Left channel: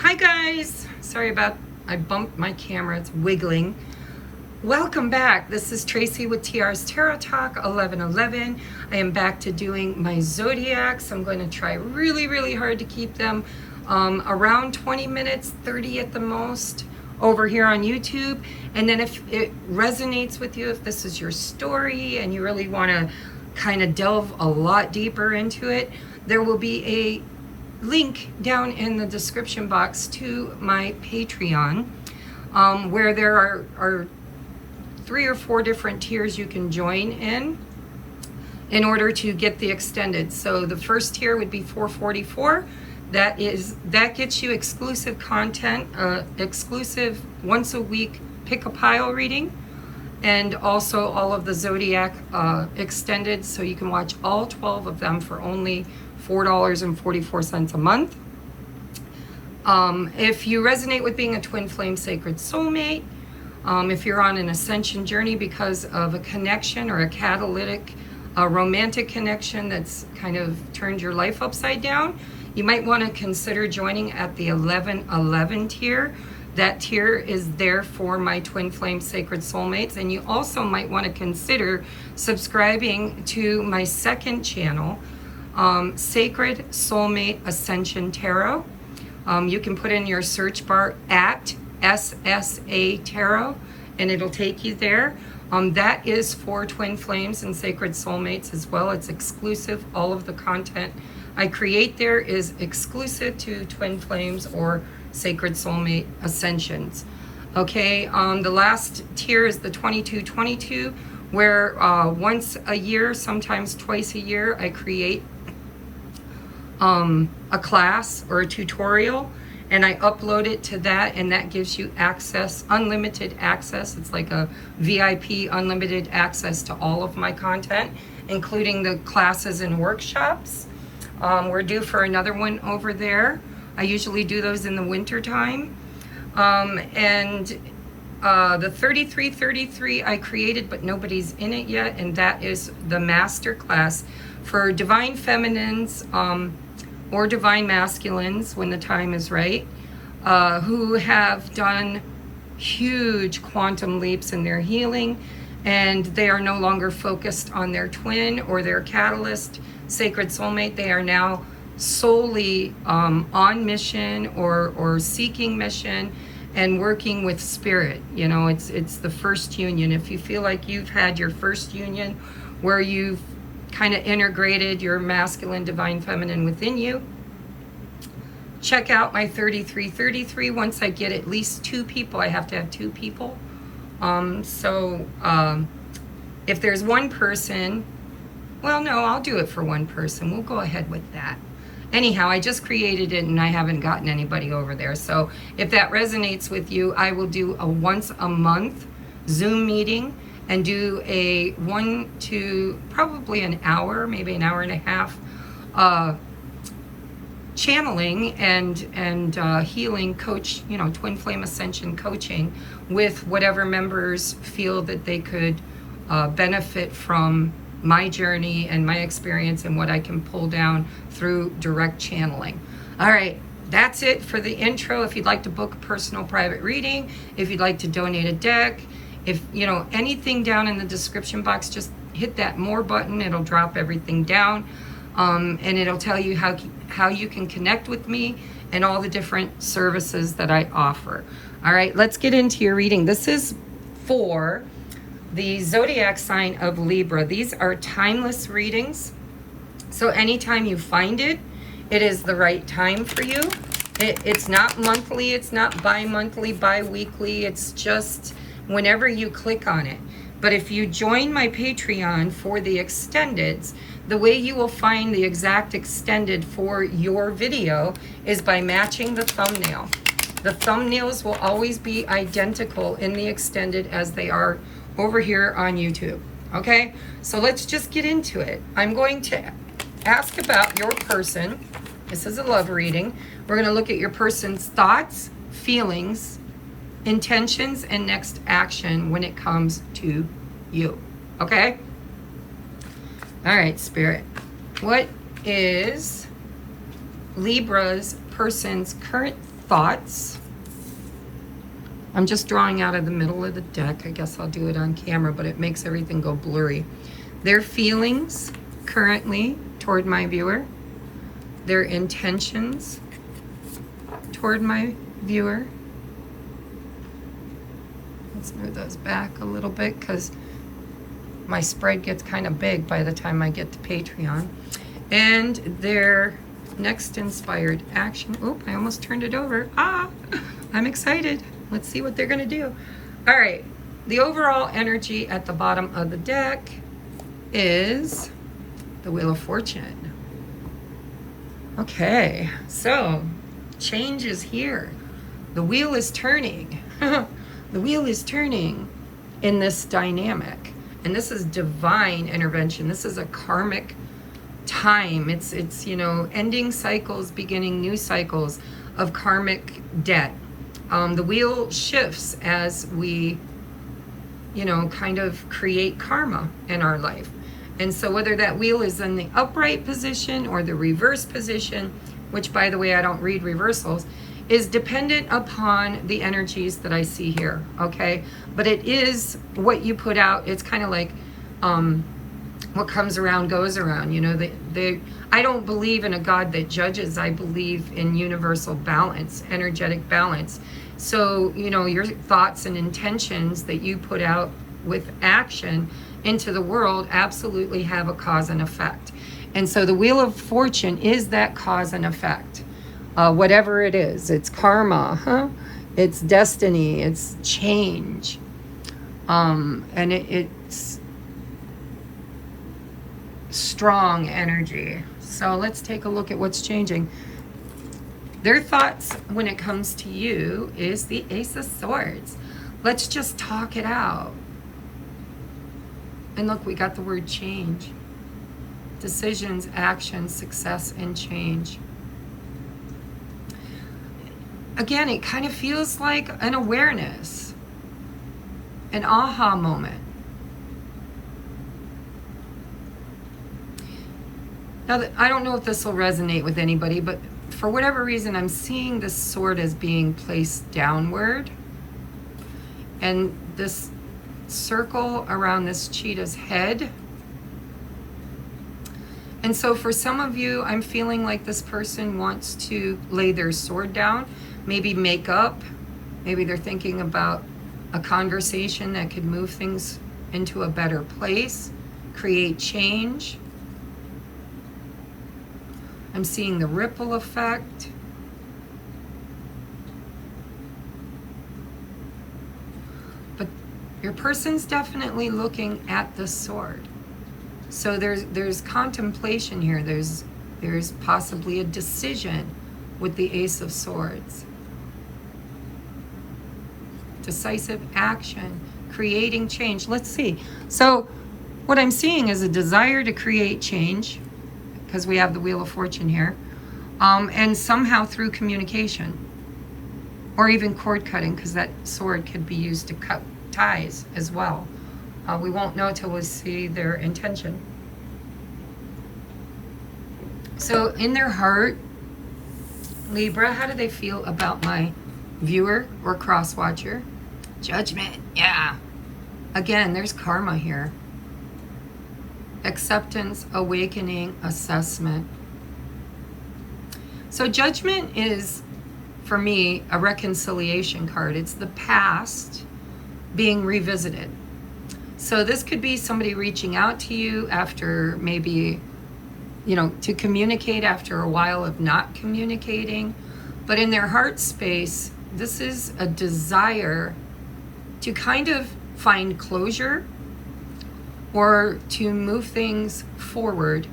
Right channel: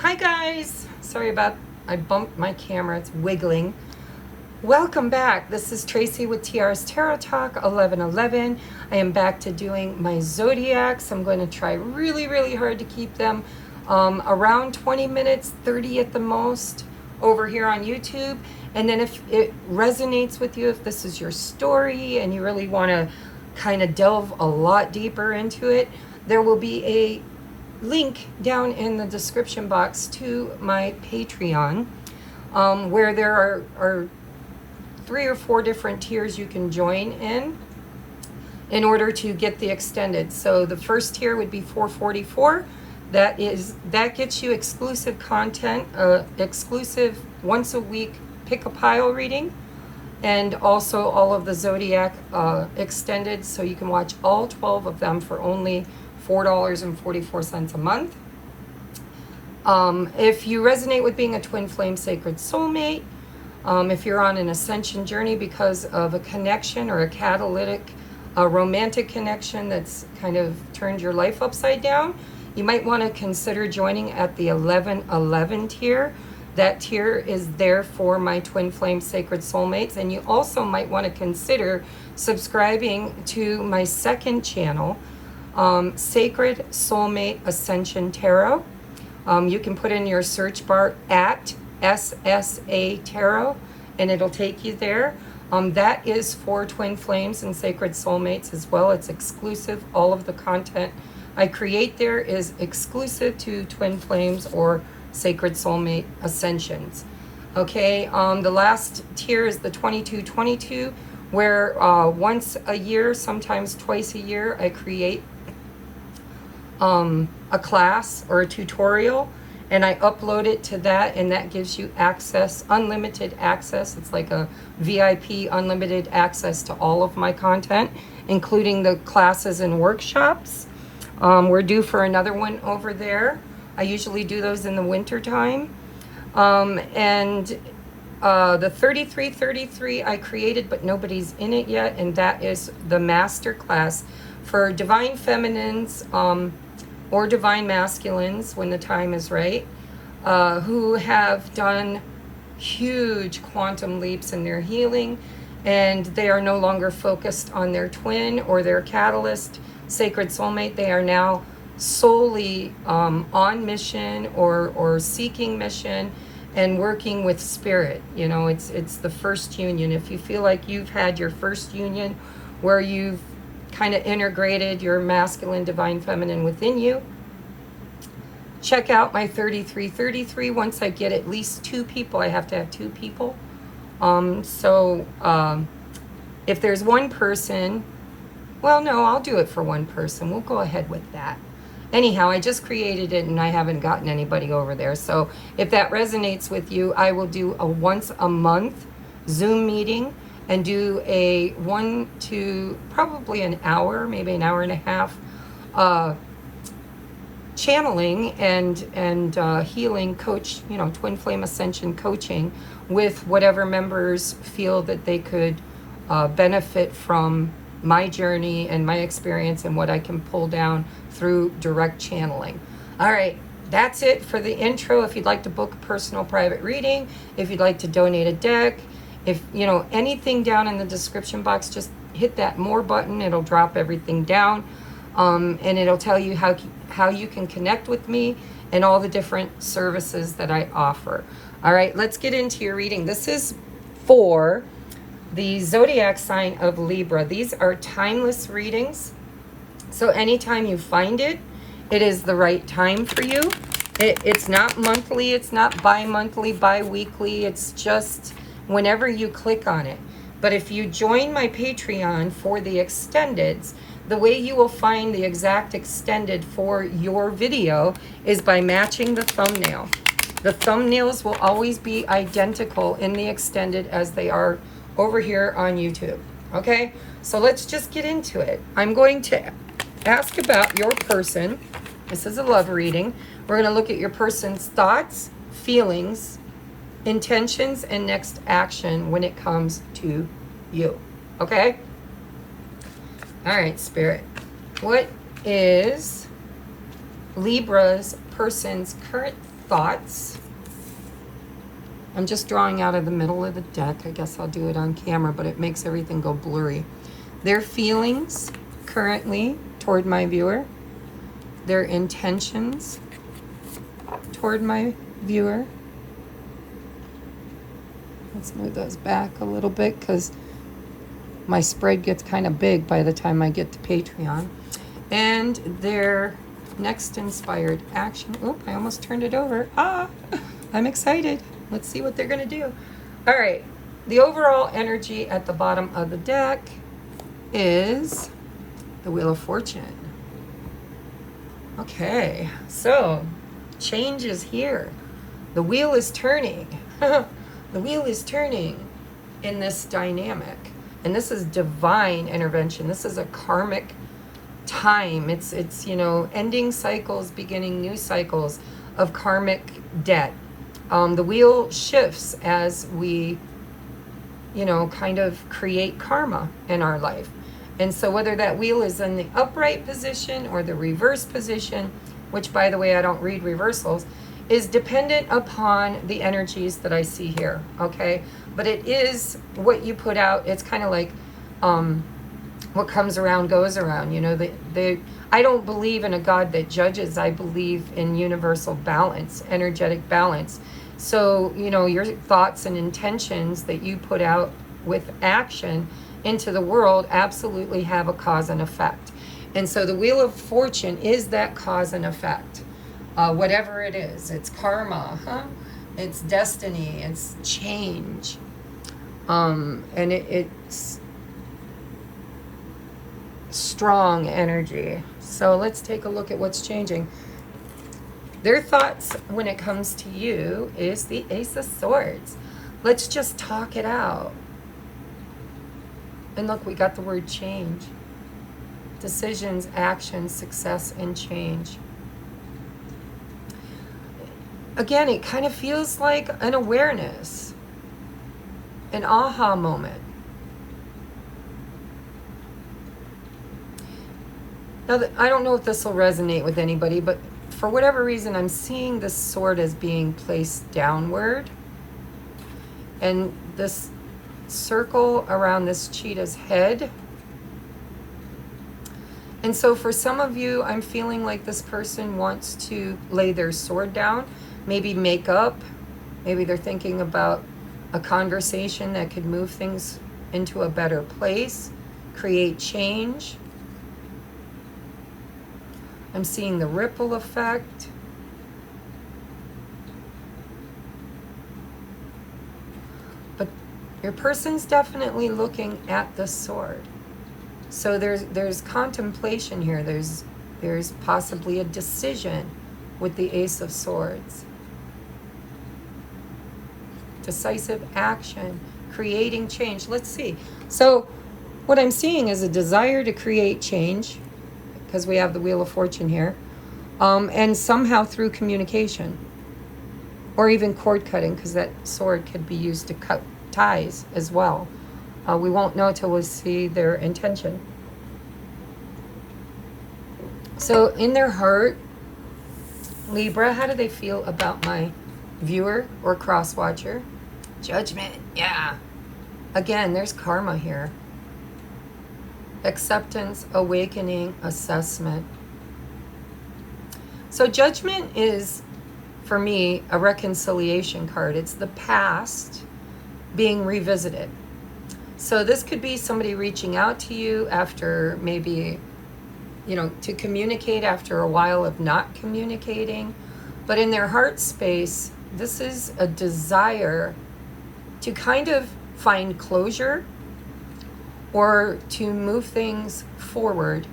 Hi guys, sorry about, I bumped my camera, it's wiggling. Welcome back. This is Tracy with TR's Tarot Talk 1111. I am back to doing my zodiacs. I'm going to try really hard to keep them around 20 minutes, 30 at the most, over here on YouTube. And then if it resonates with you, if this is your story and you really want to kind of delve a lot deeper into it, there will be a link down in the description box to my Patreon, where there are 3 or 4 different tiers you can join in order to get the extended. So the first tier would be $4.44. That gets you exclusive content, exclusive once a week pick a pile reading, and also all of the zodiac extended, so you can watch all 12 of them for only $4.44 a month. If you resonate with being a twin flame sacred soulmate, if you're on an ascension journey because of a connection or a catalytic, romantic connection that's kind of turned your life upside down, you might want to consider joining at the 1111 tier. That tier is there for my twin flame sacred soulmates. And you also might want to consider subscribing to my second channel, Sacred Soulmate Ascension Tarot. You can put in your search bar at SSA Tarot and it'll take you there. That is for twin flames and sacred soulmates as well. It's exclusive. All of the content I create there is exclusive to twin flames or sacred soulmate ascensions. Okay, the last tier is the 2222, where once a year, sometimes twice a year, I create a class or a tutorial and I upload it to that, and that gives you access, unlimited access. It's like a VIP unlimited access to all of my content, including the classes and workshops. We're due for another one over there. I usually do those in the winter time. And the 3333 I created, but nobody's in it yet, and that is the master class for divine feminines, or divine masculines when the time is right, who have done huge quantum leaps in their healing, and they are no longer focused on their twin or their catalyst sacred soulmate. They are now solely on mission or seeking mission and working with spirit. You know, it's the first union. If you feel like you've had your first union where you've kind of integrated your masculine, divine, feminine within you, check out my 3333. Once I get at least 2 people, I have to have 2 people. If there's one person, well, no, I'll do it for one person. We'll go ahead with that. Anyhow, I just created it and I haven't gotten anybody over there. So if that resonates with you, I will do a once a month Zoom meeting and do a 1 to probably an hour, maybe an hour and a half, channeling and healing coach, you know, twin flame ascension coaching with whatever members feel that they could benefit from my journey and my experience and what I can pull down through direct channeling. All right, that's it for the intro. If you'd like to book a personal private reading, if you'd like to donate a deck, if you know anything down in the description box, just hit that more button. It'll drop everything down, and it'll tell you how you can connect with me and all the different services that I offer. All right, let's get into your reading. This is for the zodiac sign of Libra. These are timeless readings, so anytime you find it, it is the right time for you. It's not monthly, it's not bi-monthly, bi-weekly, it's just whenever you click on it. But if you join my Patreon for the extendeds, the way you will find the exact extended for your video is by matching the thumbnail. The thumbnails will always be identical in the extended as they are over here on YouTube. Okay, so let's just get into it. I'm going to ask about your person. This is a love reading. We're going to look at your person's thoughts, feelings, intentions, and next action when it comes to you. Okay? All right, Spirit. What is Libra's person's current thoughts. I'm just drawing out of the middle of the deck. I guess I'll do it on camera, but it makes everything go blurry. Their feelings currently toward my viewer. Their intentions toward my viewer. Let's move those back a little bit because my spread gets kind of big by the time I get to Patreon. And their next inspired action. Oop, I almost turned it over. Ah, I'm excited. Let's see what they're going to do. All right. The overall energy at the bottom of the deck is the Wheel of Fortune. Okay. So, change is here. The wheel is turning. The wheel is turning in this dynamic. And this is divine intervention. This is a karmic time. It's you know, ending cycles, beginning new cycles of karmic debt. The wheel shifts as we, you know, kind of create karma in our life. And so whether that wheel is in the upright position or the reverse position, which by the way, I don't read reversals, is dependent upon the energies that I see here, okay? But it is what you put out. It's kind of like what comes around goes around, you know. I don't believe in a God that judges. I believe in universal balance, energetic balance. So, you know, your thoughts and intentions that you put out with action into the world absolutely have a cause and effect. And so the Wheel of Fortune is that cause and effect. Whatever it is, it's karma, it's destiny, it's change. And it's strong energy. So let's take a look at what's changing. Their thoughts when it comes to you is the Ace of Swords. Let's just talk it out. And look, we got the word change. Decisions, actions, success, and change. Again, it kind of feels like an awareness, an aha moment. Now, I don't know if this will resonate with anybody, but for whatever reason, I'm seeing this sword as being placed downward. And this circle around this cheetah's head. And so for some of you, I'm feeling like this person wants to lay their sword down, maybe make up. Maybe they're thinking about a conversation that could move things into a better place, create change. I'm seeing the ripple effect. But your person's definitely looking at the sword. So there's contemplation here. There's possibly a decision with the Ace of Swords. Decisive action, creating change. Let's see. So what I'm seeing is a desire to create change, because we have the Wheel of Fortune here, and somehow through communication, or even cord cutting, because that sword could be used to cut ties as well. We won't know until we see their intention. So in their heart, Libra, how do they feel about my viewer or cross-watcher? Judgment, yeah. Again, there's karma here. Acceptance, awakening, assessment. So judgment is, for me, a reconciliation card. It's the past being revisited. So this could be somebody reaching out to you after maybe, you know, to communicate after a while of not communicating. But in their heart space, this is a desire to kind of find closure or to move things forward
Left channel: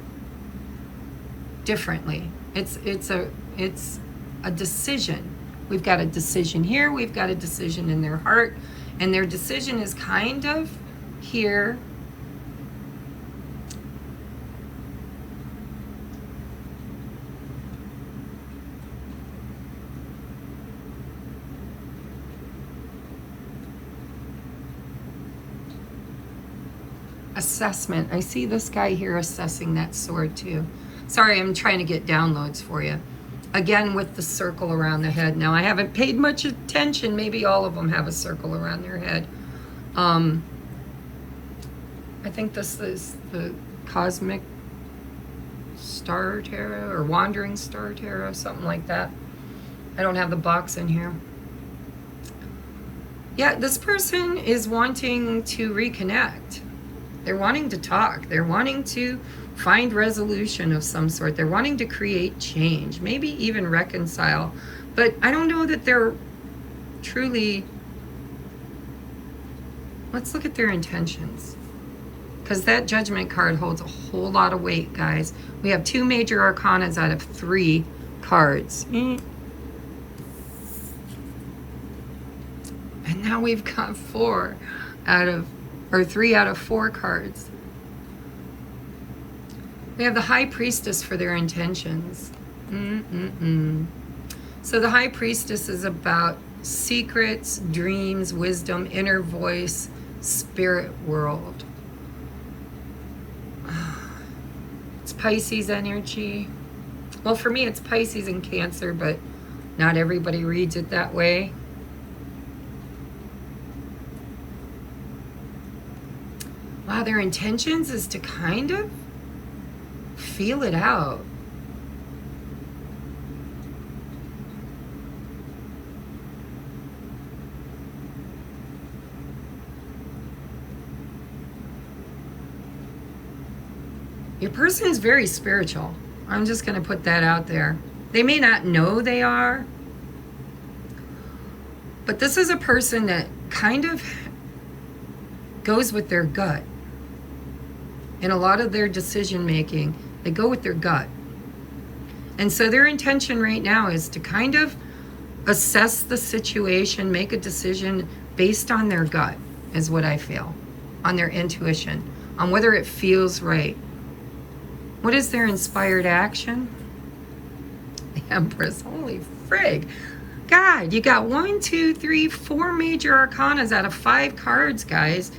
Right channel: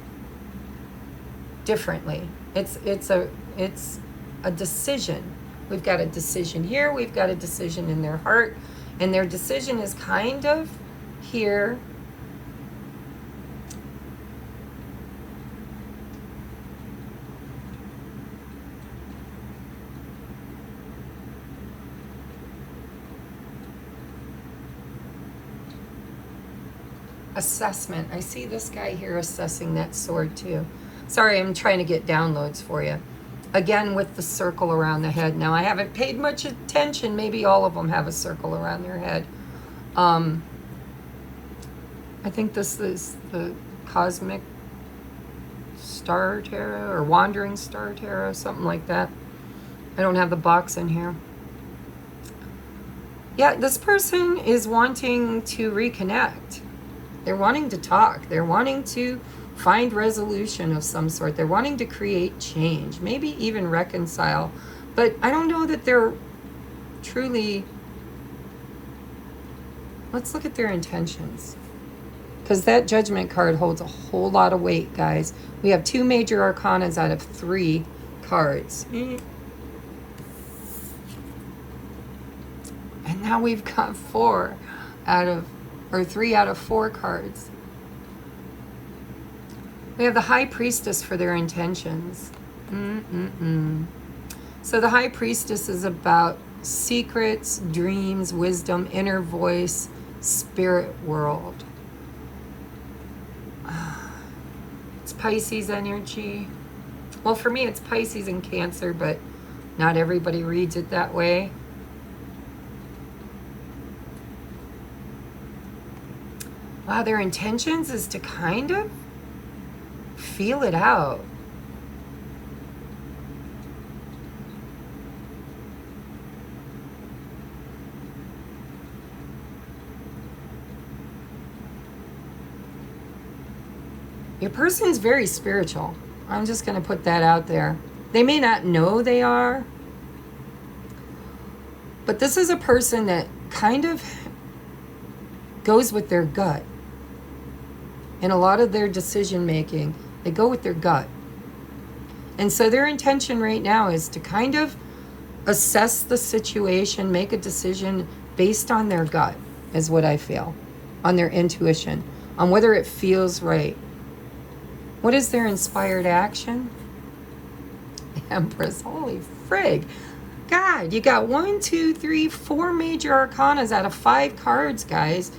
differently. It's a decision. We've got a decision here, we've got a decision in their heart, and their decision is kind of here. Assessment. I see this guy here assessing that sword too. Sorry, I'm trying to get downloads for you. Again, with the circle around the head. Now, I haven't paid much attention. Maybe all of them have a circle around their head. I think this is the cosmic star tarot or wandering star tarot, something like that. I don't have the box in here. Yeah, this person is wanting to reconnect. They're wanting to talk. They're wanting to find resolution of some sort. They're wanting to create change, maybe even reconcile. But I don't know that they're truly... Let's look at their intentions. Because that Judgment card holds a whole lot of weight, guys. We have 2 major arcanas out of 3 cards. And now we've got 3 out of 4 cards. We have the High Priestess for their intentions. So the High Priestess is about secrets, dreams, wisdom, inner voice, spirit world. It's Pisces energy. Well, for me, it's Pisces and Cancer, but not everybody reads it that way. Wow, their intentions is to kind of feel it out. Your person is very spiritual. I'm just going to put that out there. They may not know they are, but this is a person that kind of goes with their gut. In a lot of their decision making, they go with their gut. And so their intention right now is to kind of assess the situation, make a decision based on their gut, is what I feel, on their intuition, on whether it feels right. What is their inspired action? The Empress. Holy frig. God, you got 1, 2, 3, 4 major arcanas out of 5 cards, guys.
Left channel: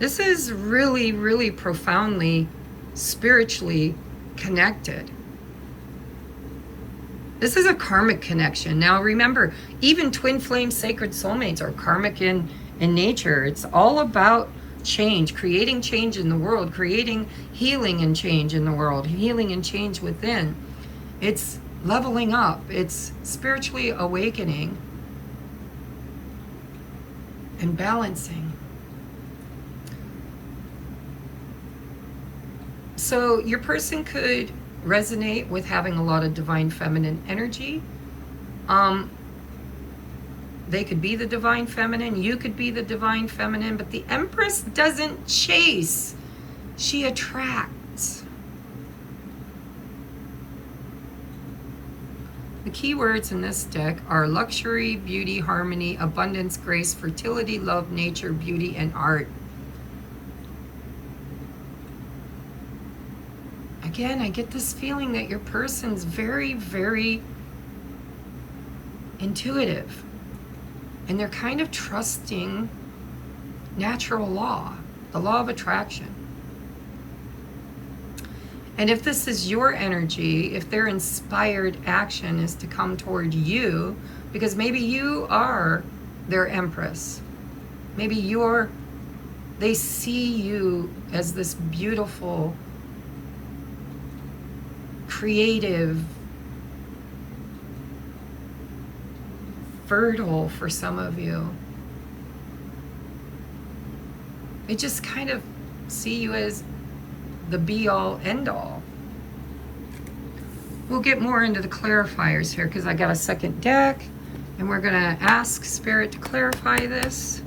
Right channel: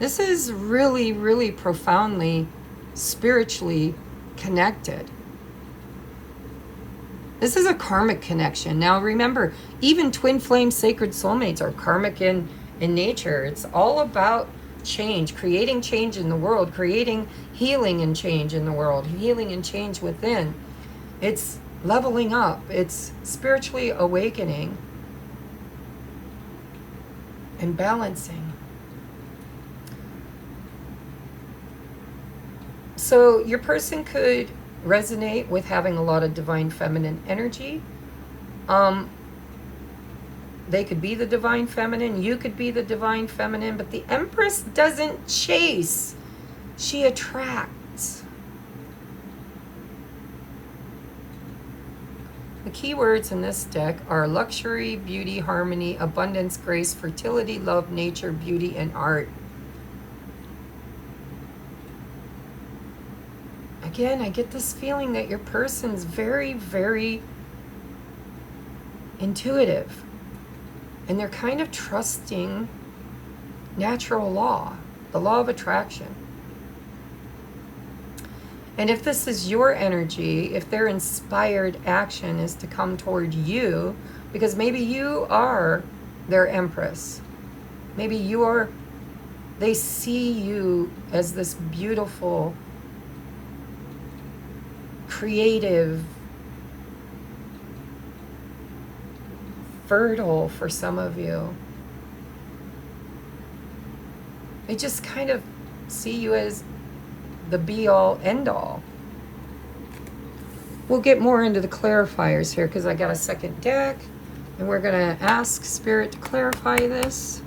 This is really, really profoundly spiritually connected. This is a karmic connection. Now remember, even twin flame sacred soulmates are karmic in nature. It's all about change, creating change in the world, creating healing and change in the world, healing and change within. It's leveling up. It's spiritually awakening and balancing. So your person could resonate with having a lot of divine feminine energy. They could be the divine feminine. You could be the divine feminine. But the Empress doesn't chase. She attracts. The key words in this deck are luxury, beauty, harmony, abundance, grace, fertility, love, nature, beauty, and art. Again, I get this feeling that your person's very, very intuitive. And they're kind of trusting natural law, the law of attraction. And if this is your energy, if their inspired action is to come toward you, because maybe you are their Empress. Maybe they see you as this beautiful, creative, fertile for some of you. They just kind of see you as the be-all, end-all. We'll get more into the clarifiers here because I got a second deck and we're going to ask Spirit to clarify this.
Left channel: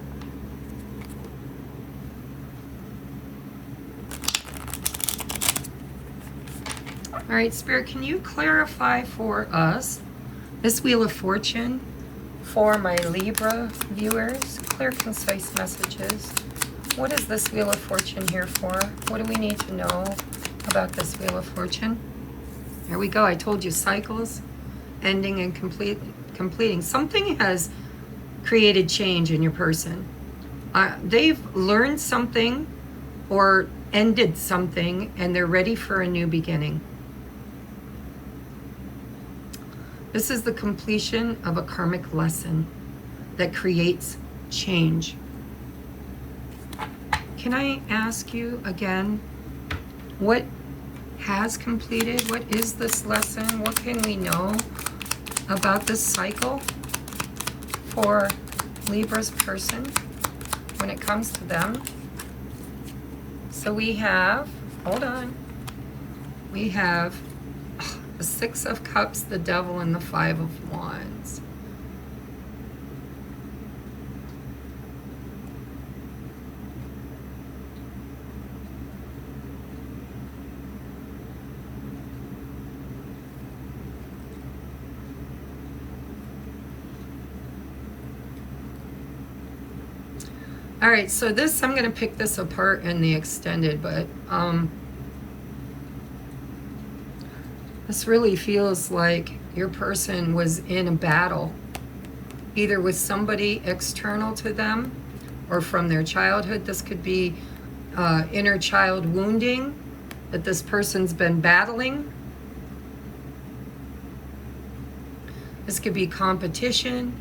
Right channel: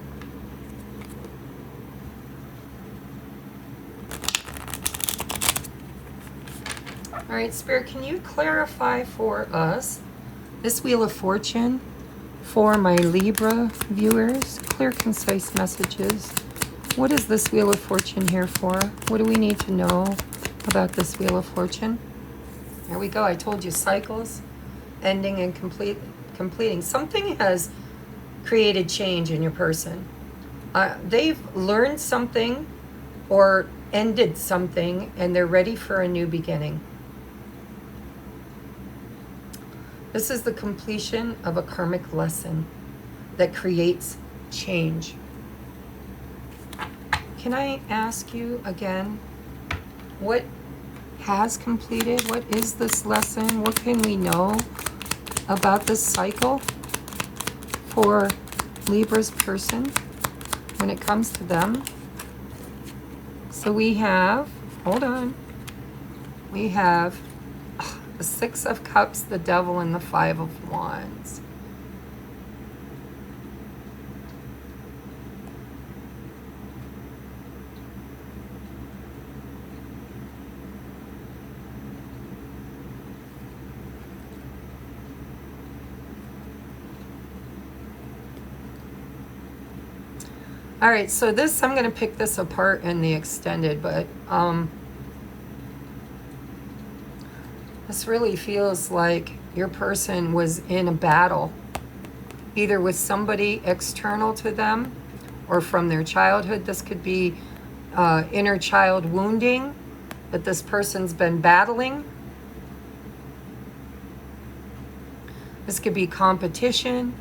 All right, Spirit, can you clarify for us this Wheel of Fortune for my Libra viewers? Clear, concise messages. What is this Wheel of Fortune here for? What do we need to know about this Wheel of Fortune? There we go. I told you, cycles, ending and completing. Something has created change in your person. They've learned something or ended something and they're ready for a new beginning. This is the completion of a karmic lesson that creates change. Can I ask you again, what has completed? What is this lesson? What can we know about this cycle for Libra's person when it comes to them? So we have, hold on, we have the Six of Cups, the Devil, and the Five of Wands. All right, so this, I'm going to pick this apart in the extended, but this really feels like your person was in a battle, either with somebody external to them or from their childhood. This could be inner child wounding that this person's been battling. This could be competition.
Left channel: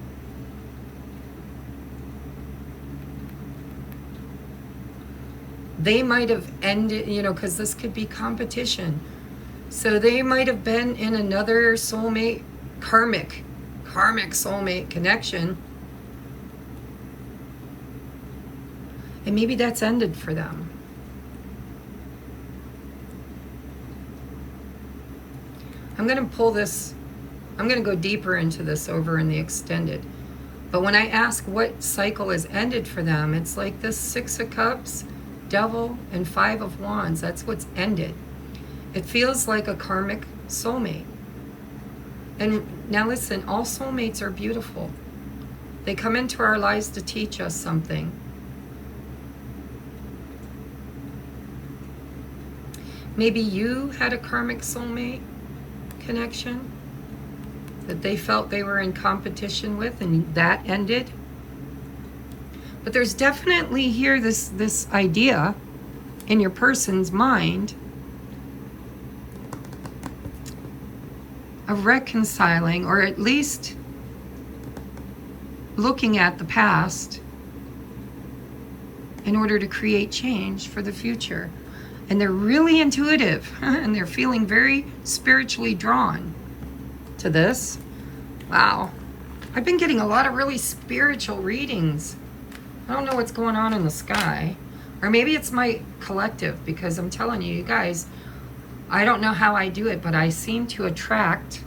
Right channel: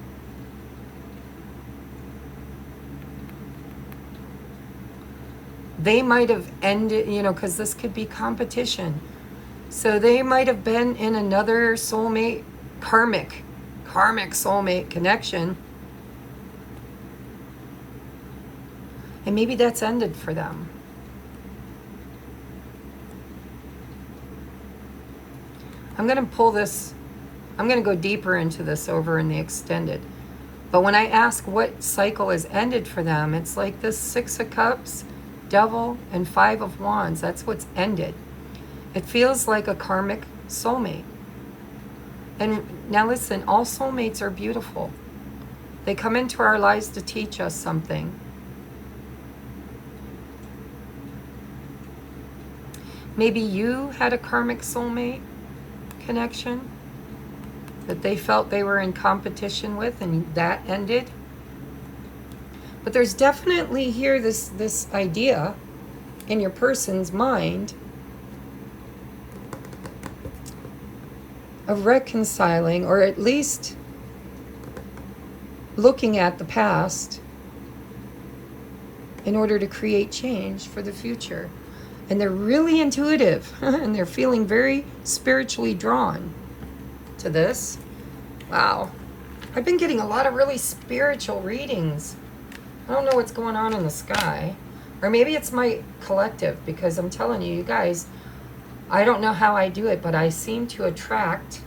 They might have ended, you know, because this could be competition. So they might have been in another soulmate, karmic soulmate connection. And maybe that's ended for them. I'm going to pull this, I'm going to go deeper into this over in the extended. But when I ask what cycle has ended for them, it's like this Six of Cups, Devil, and Five of Wands. That's what's ended. It feels like a karmic soulmate. And now listen, all soulmates are beautiful. They come into our lives to teach us something. Maybe you had a karmic soulmate connection that they felt they were in competition with, and that ended. But there's definitely here this idea in your person's mind of reconciling, or at least looking at the past in order to create change for the future. And they're really intuitive and they're feeling very spiritually drawn to this. Wow. I've been getting a lot of really spiritual readings. I don't know what's going on in the sky. Or maybe it's my collective, because I'm telling you, you guys, I don't know how I do it, but I seem to attract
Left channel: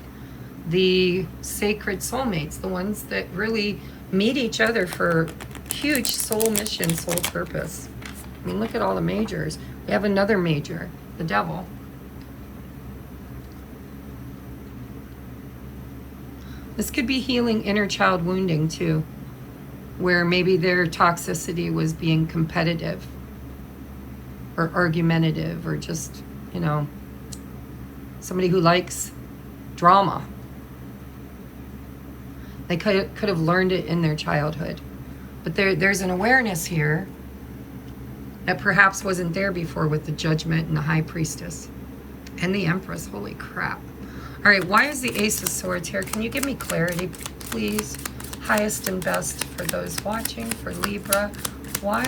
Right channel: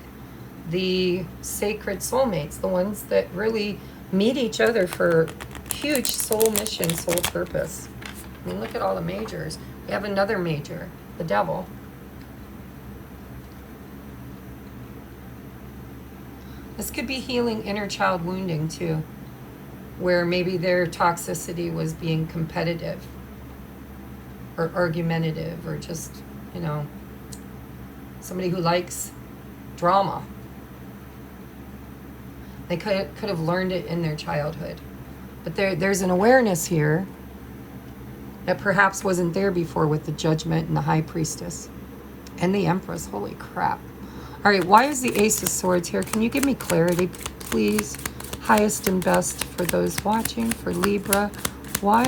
the sacred soulmates, the ones that really meet each other for huge soul mission, soul purpose. I mean, look at all the majors. We have another major, the Devil. This could be healing inner child wounding too, where maybe their toxicity was being competitive or argumentative, or just, you know, somebody who likes drama. They could have learned it in their childhood. But there's an awareness here that perhaps wasn't there before with the Judgment and the High Priestess and the Empress. Holy crap. All right, why is the Ace of Swords here? Can you give me clarity, please? Highest and best for those watching, for Libra. Why,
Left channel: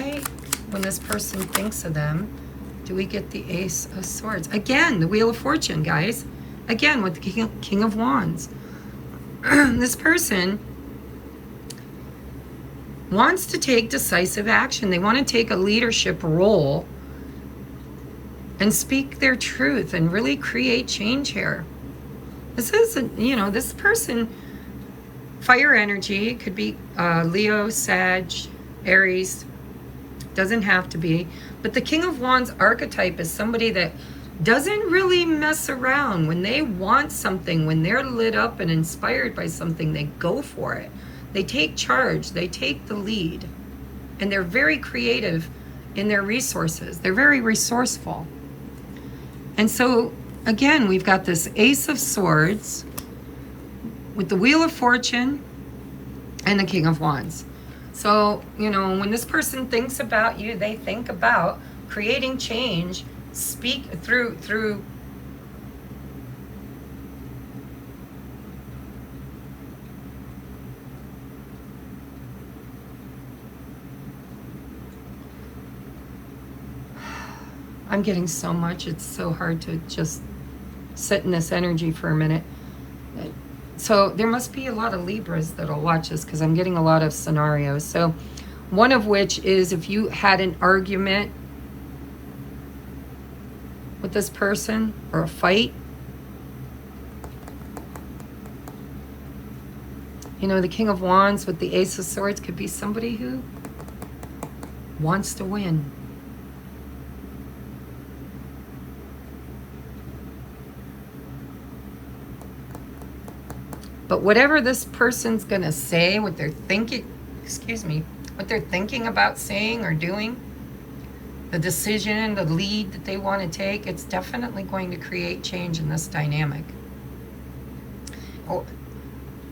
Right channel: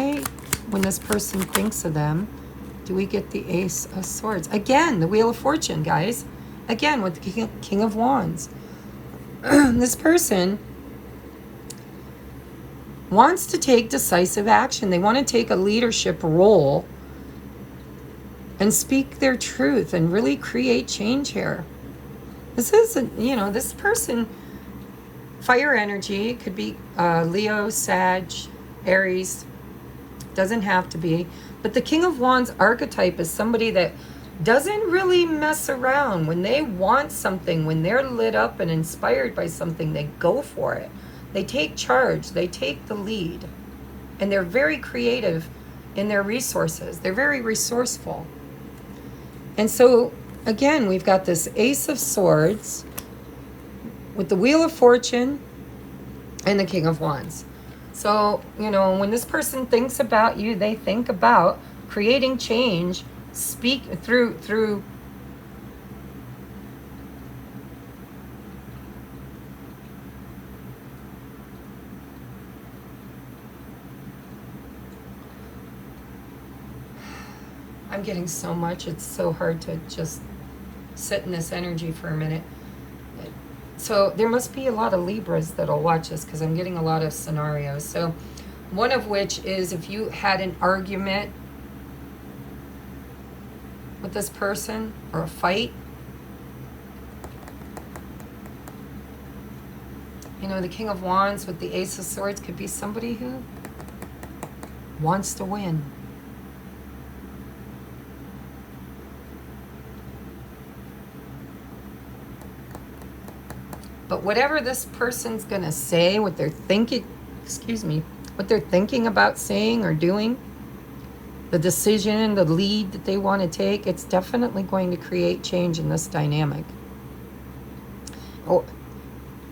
when this person thinks of them, do we get the Ace of Swords? Again, the Wheel of Fortune, guys. Again, with the King of Wands. This person wants to take decisive action. They want to take a leadership role and speak their truth and really create change here. This isn't, you know, this person, fire energy, could be Leo, Sag, Aries, doesn't have to be. But the King of Wands archetype is somebody that doesn't really mess around. When they want something, when they're lit up and inspired by something, they go for it. They take charge, they take the lead, and they're very creative in their resources. They're very resourceful. And so, again, we've got this Ace of Swords with the Wheel of Fortune and the King of Wands. So, you know, when this person thinks about you, they think about creating change, speak through I'm getting so much. It's so hard to just sit in this energy for a minute. So there must be a lot of Libras that'll watch this because I'm getting a lot of scenarios. So one of which is if you had an argument with this person or a fight. You know, the King of Wands with the Ace of Swords could be somebody who wants to win. But whatever this person's going to say, what they're thinking, what they're thinking about saying or doing, the decision, the lead that they want to take, it's definitely going to create change in this dynamic.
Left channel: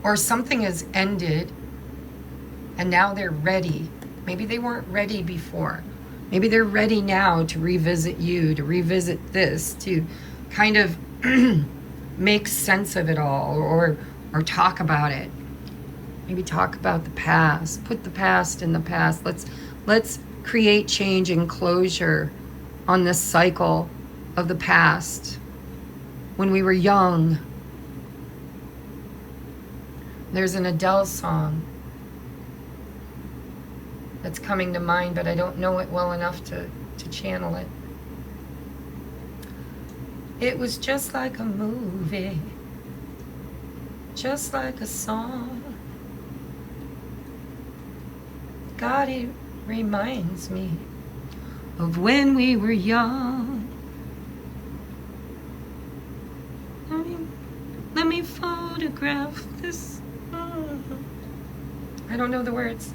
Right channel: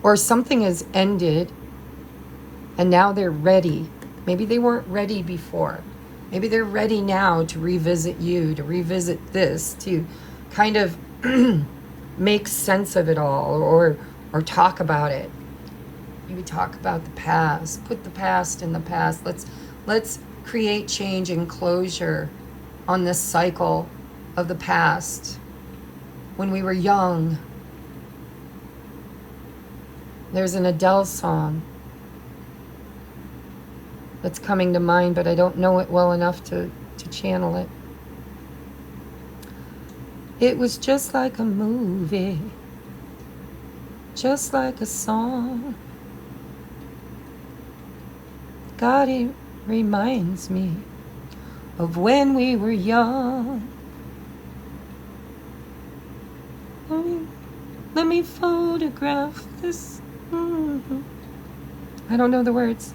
Or something has ended and now they're ready. Maybe they weren't ready before. Maybe they're ready now to revisit you, to revisit this, to kind of make sense of it all, or talk about it. Maybe talk about the past. Put the past in the past. Let's create change and closure on this cycle of the past. When we were young. There's an Adele song that's coming to mind, but I don't know it well enough to channel it. It was just like a movie. Just like a song. God, it reminds me of when we were young. Let me photograph this. I don't know the words.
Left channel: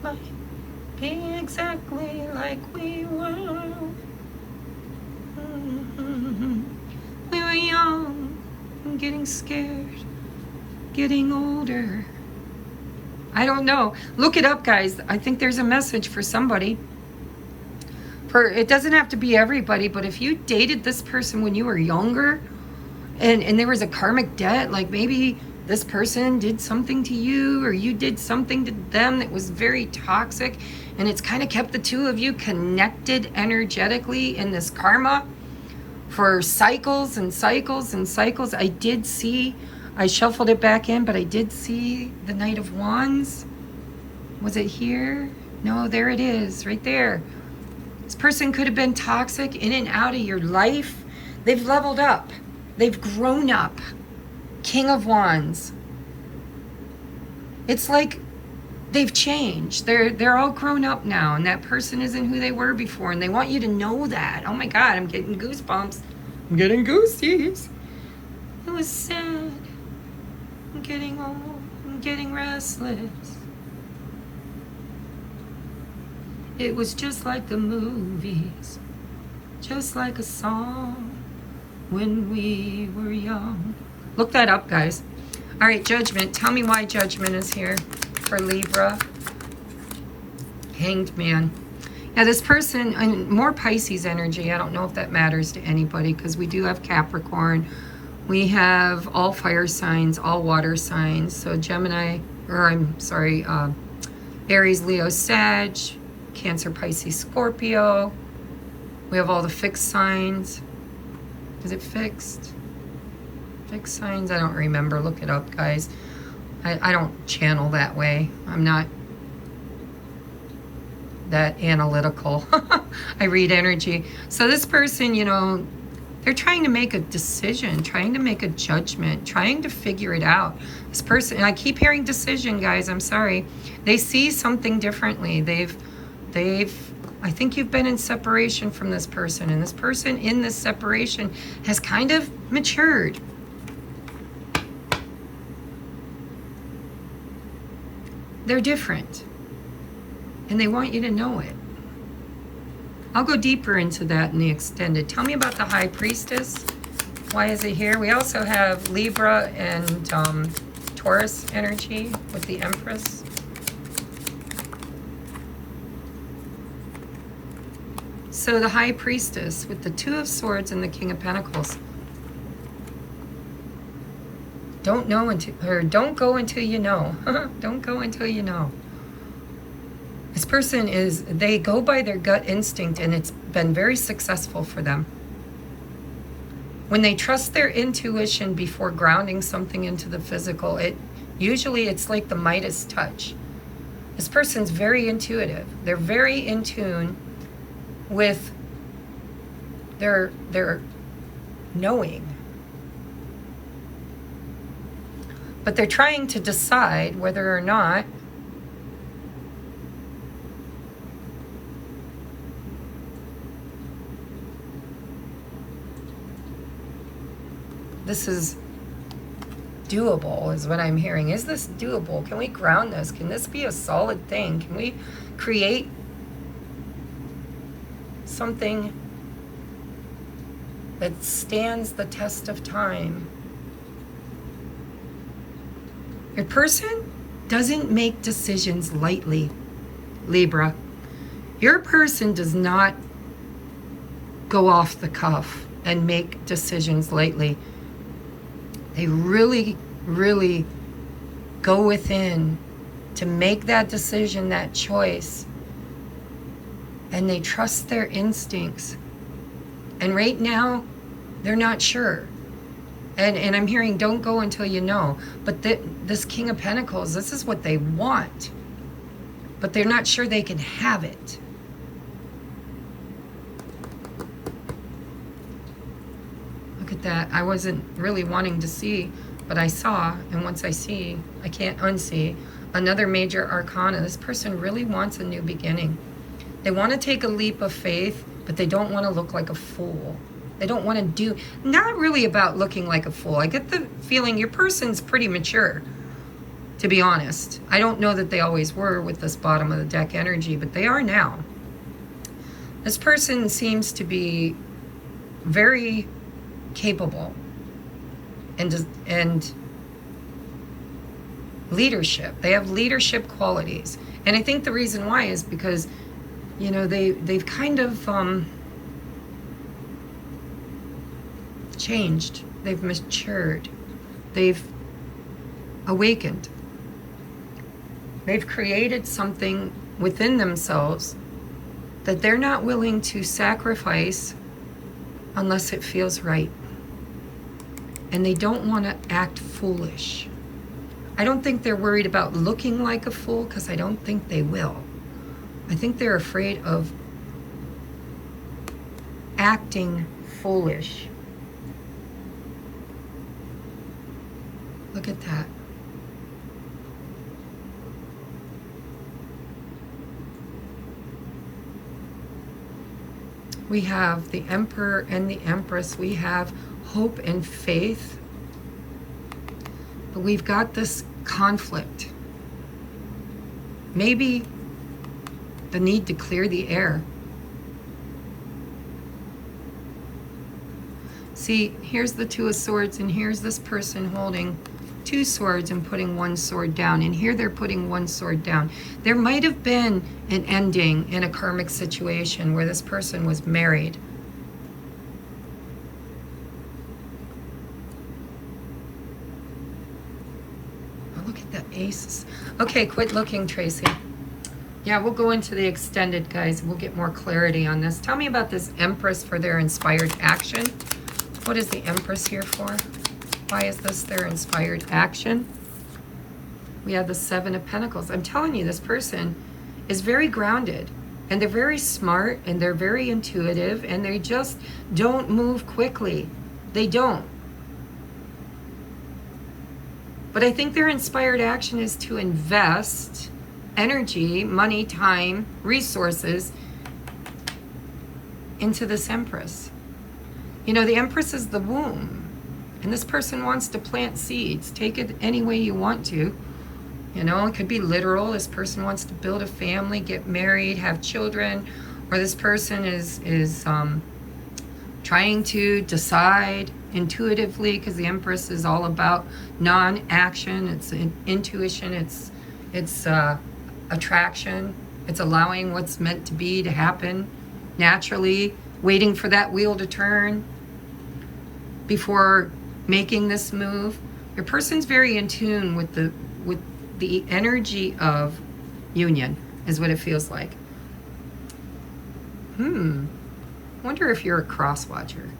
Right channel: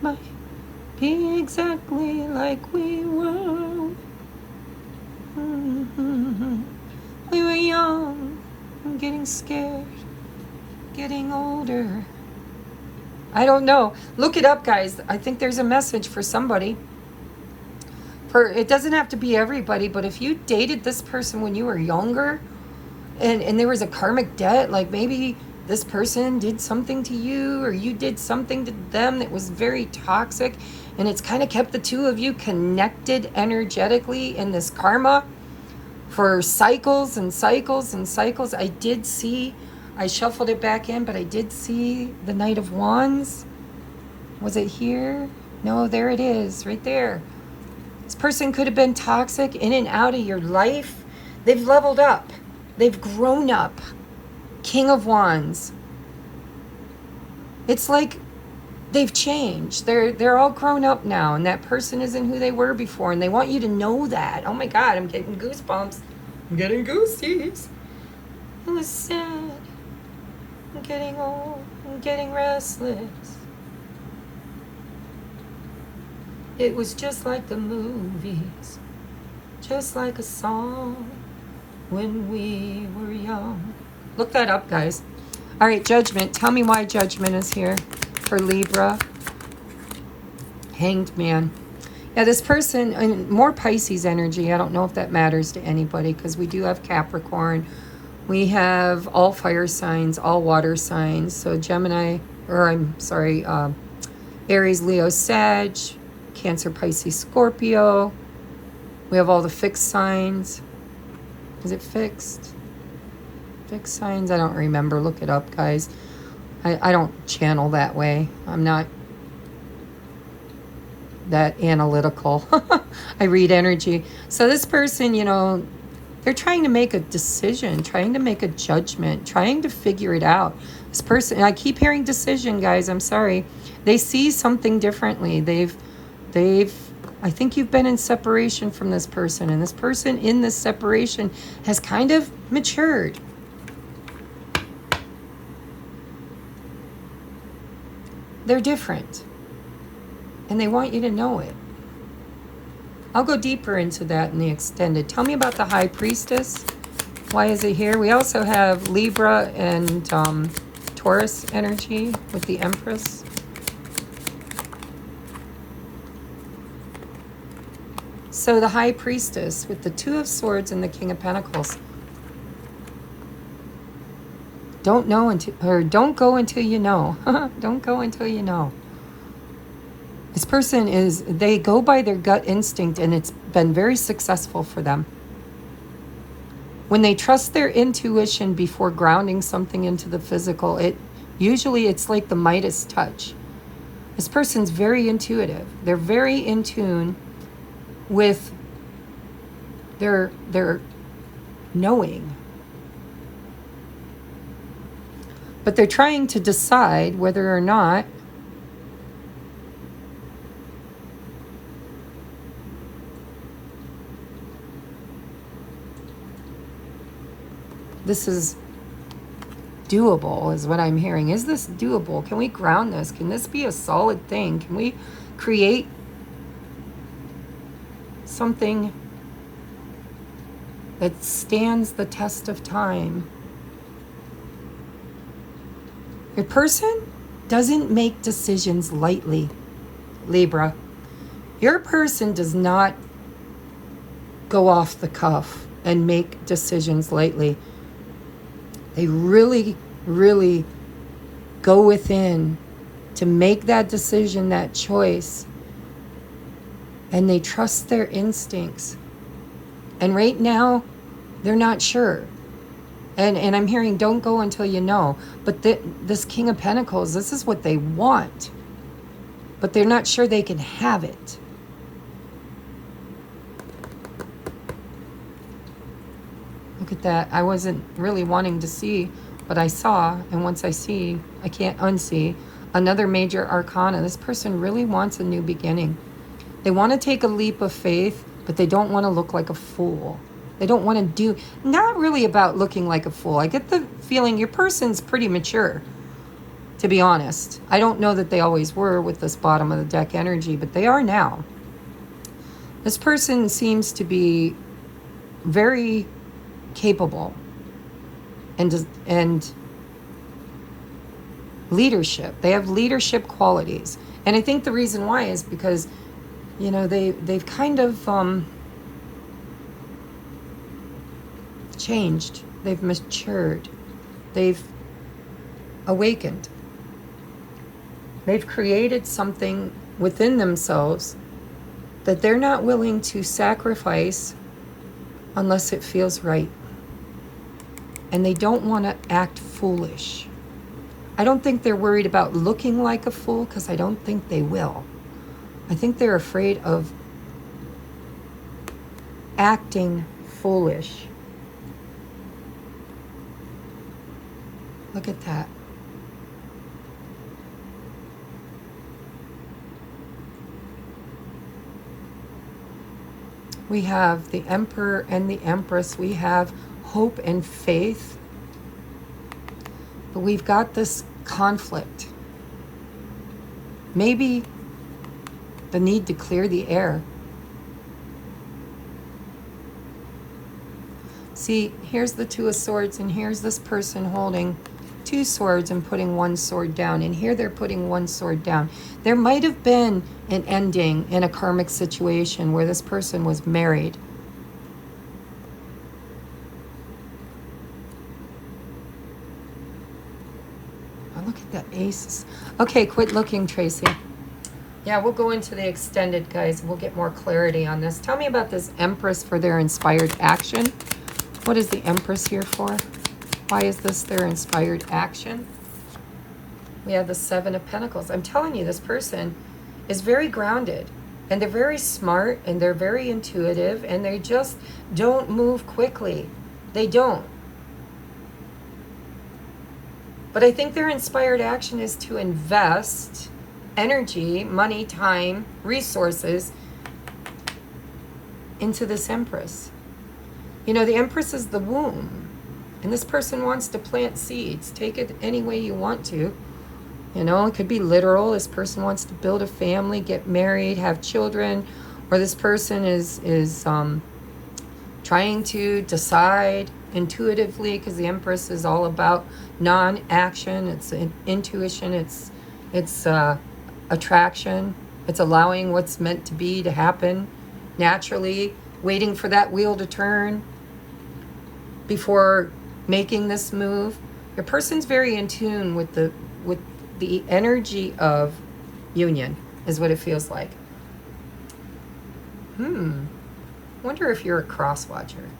Might be exactly like we were. We were young and getting scared, getting older. I don't know. Look it up, guys. I think there's a message for somebody. It doesn't have to be everybody, but if you dated this person when you were younger and there was a karmic debt, like maybe this person did something to you or you did something to them that was very toxic, and it's kind of kept the two of you connected energetically in this karma for cycles and cycles and cycles. I shuffled it back in, but I did see the Knight of Wands. Was it here? No, there it is, right there. This person could have been toxic in and out of your life. They've leveled up. They've grown up. King of Wands. It's like they've changed. They're all grown up now, and that person isn't who they were before, and they want you to know that. Oh my God, I'm getting goosebumps. I'm getting goosies. It was sad. I'm getting old. I'm getting restless. It was just like the movies, just like a song when we were young. Look that up, guys. All right, Judgment. Tell me why Judgment is here for Libra. Hanged Man. Yeah, this person, and more Pisces energy. I don't know if that matters to anybody because we do have Capricorn. We have all fire signs, all water signs. So Gemini, Aries, Leo, Sag, Cancer, Pisces, Scorpio. We have all the fixed signs. Is it fixed? Fixed signs? I don't remember. Look it up, guys. I don't channel that way. I'm not that analytical. I read energy. So this person, you know, they're trying to make a decision, trying to make a judgment, trying to figure it out. This person, and I keep hearing decision, guys. I'm sorry. They see something differently. I think you've been in separation from this person, and this person in this separation has kind of matured. They're different, and they want you to know it. I'll go deeper into that in the extended. Tell me about the High Priestess. Why is it here? We also have Libra and Taurus energy with the Empress. So the High Priestess with the Two of Swords and the King of Pentacles. Don't go until you know. Don't go until you know. This person is, they go by their gut instinct, and it's been very successful for them. When they trust their intuition before grounding something into the physical, usually it's like the Midas touch. This person's very intuitive. They're very in tune with their knowing. But they're trying to decide whether or not this is doable, is what I'm hearing. Is this doable? Can we ground this? Can this be a solid thing? Can we create something that stands the test of time? Your person doesn't make decisions lightly, Libra. Your person does not go off the cuff and make decisions lightly. They really, really go within to make that decision, that choice. And they trust their instincts. And right now, they're not sure. And I'm hearing, don't go until you know. But this King of Pentacles, this is what they want. But they're not sure they can have it. Look at that. I wasn't really wanting to see, but I saw. And once I see, I can't unsee. Another major arcana. This person really wants a new beginning. They want to take a leap of faith, but they don't want to look like a fool. They don't want to do, not really about looking like a fool. I get the feeling your person's pretty mature, to be honest. I don't know that they always were with this bottom of the deck energy, but they are now. This person seems to be very capable and leadership. They have leadership qualities. And I think the reason why is because, you know, they've kind of changed. They've matured. They've awakened. They've created something within themselves that they're not willing to sacrifice unless it feels right. And they don't want to act foolish. I don't think they're worried about looking like a fool, because I don't think they will. I think they're afraid of acting foolish. Look at that. We have the Emperor and the Empress. We have hope and faith. But we've got this conflict. Maybe the need to clear the air. See, here's the Two of Swords, and here's this person holding two swords and putting one sword down. And here they're putting one sword down. There might have been an ending in a karmic situation where this person was married. Oh, look at the aces. Okay, quit looking, Tracy. Yeah, we'll go into the extended, guys. We'll get more clarity on this. Tell me about this Empress for their inspired action. What is the Empress here for? Why is this their inspired action? We have the Seven of Pentacles. I'm telling you, this person is very grounded, and they're very smart, and they're very intuitive, and they just don't move quickly. They don't. But I think their inspired action is to invest energy, money, time, resources into this Empress. You know, the Empress is the womb. And this person wants to plant seeds. Take it any way you want to. You know, it could be literal. This person wants to build a family, get married, have children. Or this person is trying to decide intuitively, because the Empress is all about non-action. It's intuition. It's attraction. It's allowing what's meant to be to happen naturally, waiting for that wheel to turn before making this move. Your person's very in tune with the energy of union. is what it feels like. Wonder if you're a cross watcher.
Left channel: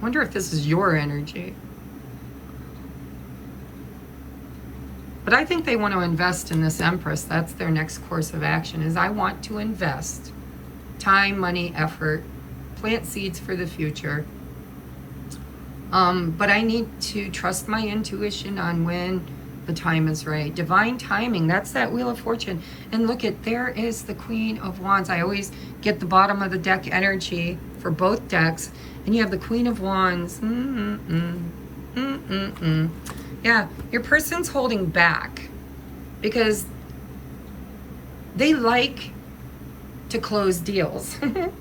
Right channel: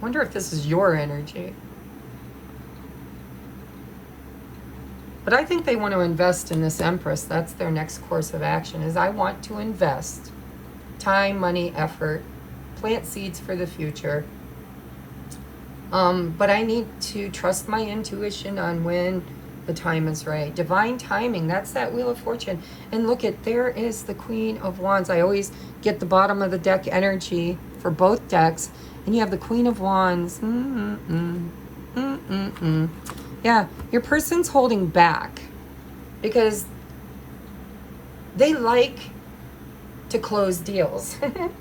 Wonder if this is your energy. But I think they want to invest in this Empress. That's their next course of action, is I want to invest time, money, effort, plant seeds for the future. But I need to trust my intuition on when the time is right. Divine timing, that's that Wheel of Fortune. And look at, there is the Queen of Wands. I always get the bottom of the deck energy for both decks. And you have the Queen of Wands. Yeah, your person's holding back because they like to close deals.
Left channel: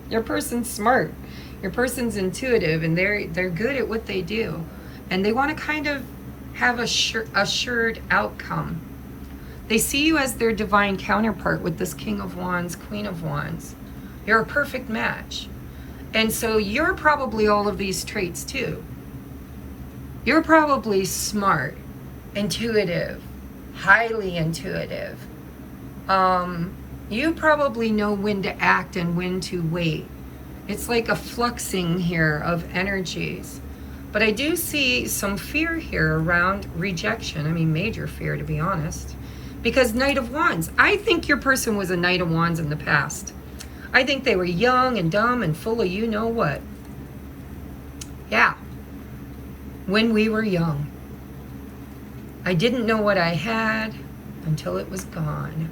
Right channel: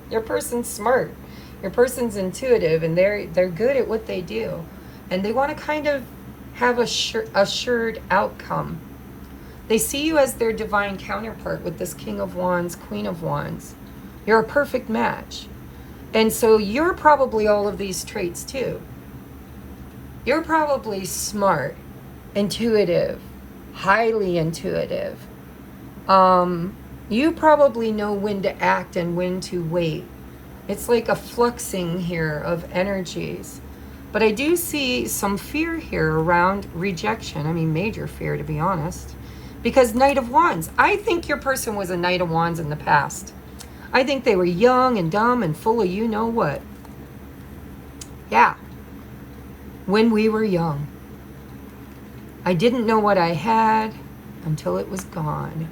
Your person's smart. Your person's intuitive, and they're good at what they do. And they want to kind of have a assured outcome. They see you as their divine counterpart with this King of Wands, Queen of Wands. You're a perfect match. And so you're probably all of these traits too. You're probably smart, intuitive, highly intuitive. You probably know when to act and when to wait. It's like a fluxing here of energies. But I do see some fear here around rejection. I mean, major fear, to be honest. Because Knight of Wands. I think your person was a Knight of Wands in the past. I think they were young and dumb and full of you know what. Yeah. When we were young. I didn't know what I had until it was gone.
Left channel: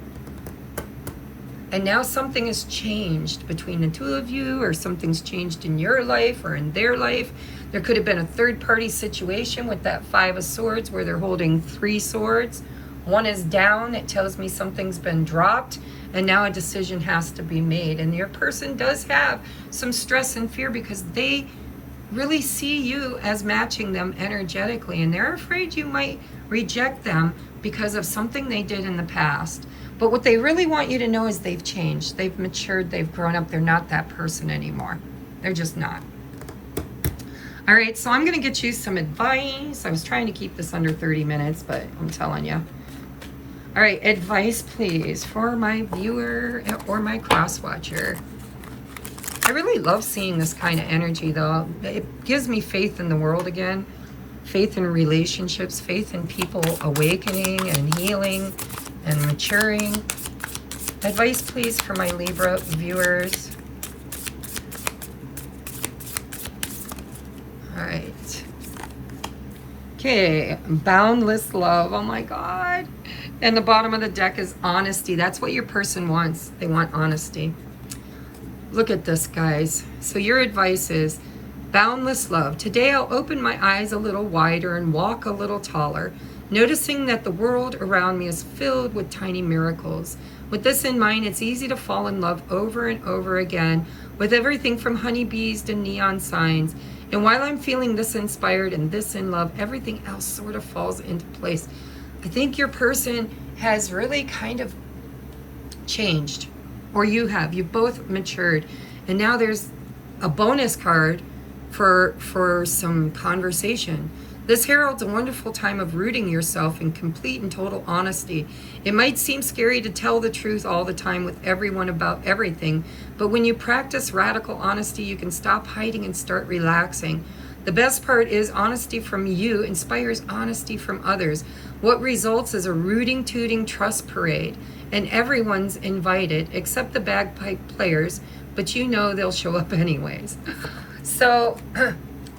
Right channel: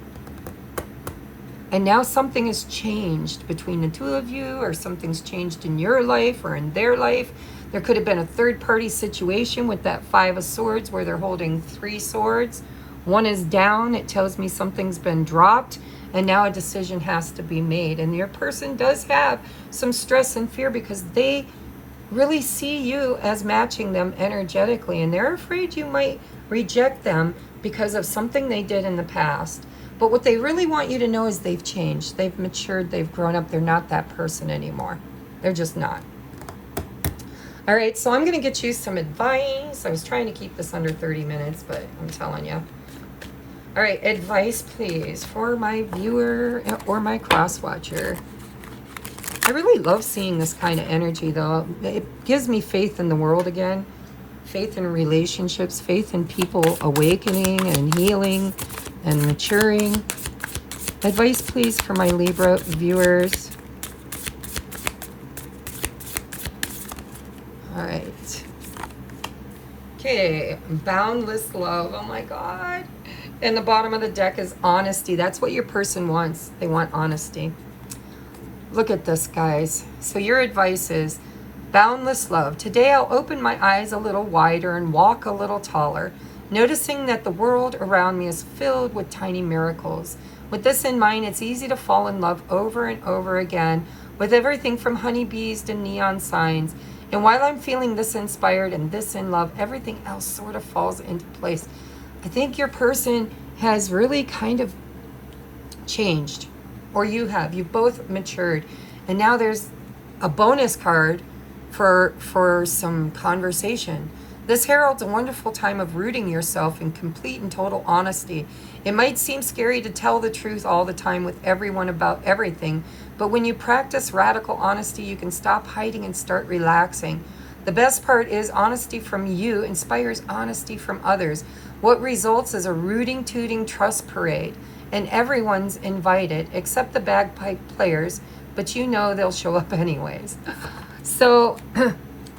And now something has changed between the two of you, or something's changed in your life or in their life. There could have been a third-party situation with that Five of Swords where they're holding 3 swords. One is down. It tells me something's been dropped, and now a decision has to be made. And your person does have some stress and fear because they really see you as matching them energetically, and they're afraid you might reject them because of something they did in the past. But what they really want you to know is they've changed. They've matured. They've grown up. They're not that person anymore. They're just not. All right, so I'm going to get you some advice. I was trying to keep this under 30 minutes, but I'm telling you. All right, advice, please, for my viewer or my cross watcher. I really love seeing this kind of energy, though. It gives me faith in the world again. Faith in relationships. Faith in people awakening and healing and maturing. Advice, please, for my Libra viewers. All right. Okay, boundless love. Oh my God. And the bottom of the deck is honesty. That's what your person wants. They want honesty. Look at this, guys. So your advice is boundless love. Today I'll open my eyes a little wider and walk a little taller, noticing that the world around me is filled with tiny miracles. With this in mind, it's easy to fall in love over and over again with everything from honeybees to neon signs. And while I'm feeling this inspired and this in love, everything else sort of falls into place. I think your person has really kind of changed, or you have. You've both matured. And now there's a bonus card for some conversation. This heralds a wonderful time of rooting yourself in complete and total honesty. It might seem scary to tell the truth all the time with everyone about everything, but when you practice radical honesty, you can stop hiding and start relaxing. The best part is honesty from you inspires honesty from others. What results is a rooting, tooting trust parade, and everyone's invited except the bagpipe players, but you know they'll show up anyways. So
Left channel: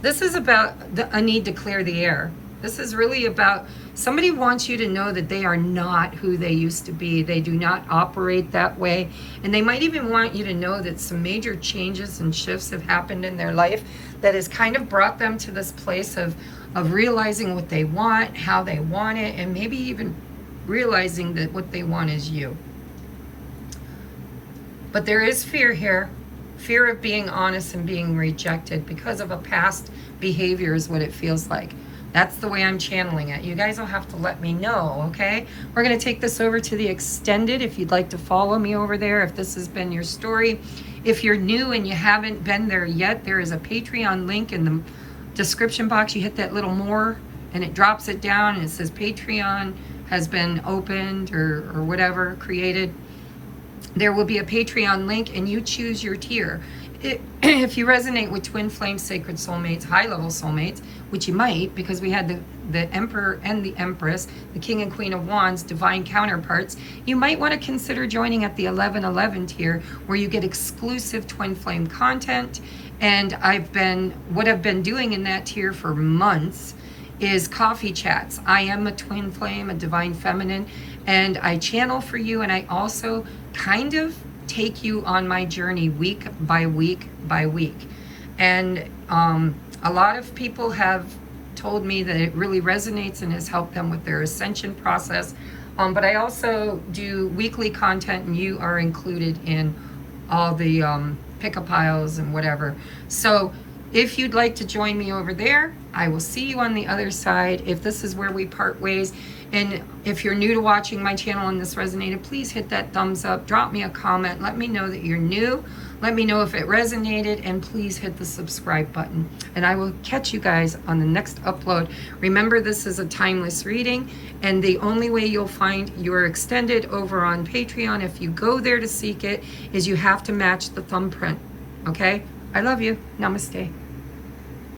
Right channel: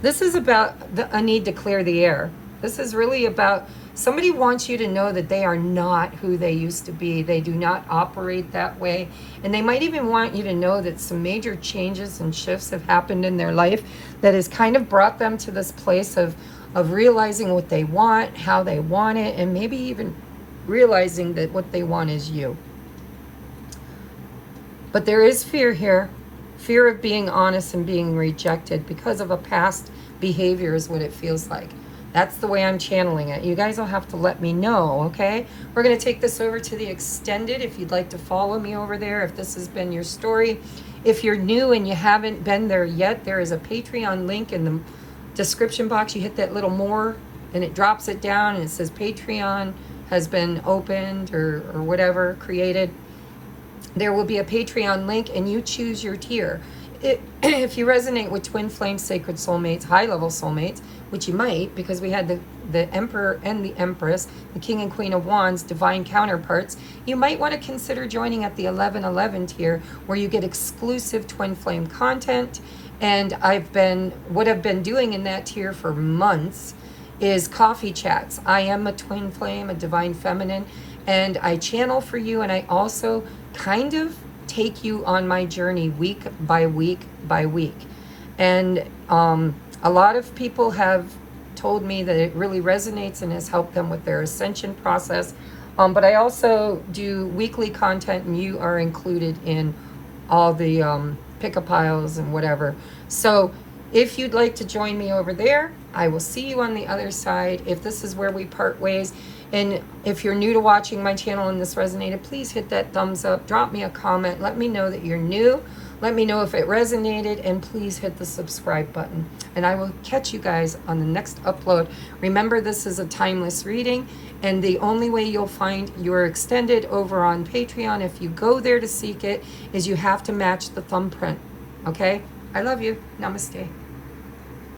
this is about a need to clear the air. This is really about somebody wants you to know that they are not who they used to be. They do not operate that way. And they might even want you to know that some major changes and shifts have happened in their life that has kind of brought them to this place of realizing what they want, how they want it, and maybe even realizing that what they want is you. But there is fear here. Fear of being honest and being rejected because of a past behavior is what it feels like. That's the way I'm channeling it. You guys will have to let me know, okay? We're going to take this over to the extended. If you'd like to follow me over there, if this has been your story. If you're new and you haven't been there yet, there is a Patreon link in the description box. You hit that little more and it drops it down and it says Patreon has been opened or whatever, created, there will be a Patreon link, and you choose your tier. If you resonate with twin flame sacred soulmates, high level soulmates, which you might, because we had the Emperor and the Empress, the King and Queen of Wands, divine counterparts, you might want to consider joining at the 1111 tier, where you get exclusive twin flame content. And what I've been doing in that tier for months is coffee chats. I am a twin flame, a divine feminine, and I channel for you, and I also kind of take you on my journey week by week by week. And a lot of people have told me that it really resonates and has helped them with their ascension process. But I also do weekly content, and you are included in all the pick-up piles and whatever. So if you'd like to join me over there, I will see you on the other side. If this is where we part ways, and if you're new to watching my channel and this resonated, please hit that thumbs up, drop me a comment, let me know that you're new, let me know if it resonated, and please hit the subscribe button. And I will catch you guys on the next upload. Remember, this is a timeless reading, and the only way you'll find your extended over on Patreon, if you go there to seek it, is you have to match the thumbprint. Okay? I love you. Namaste.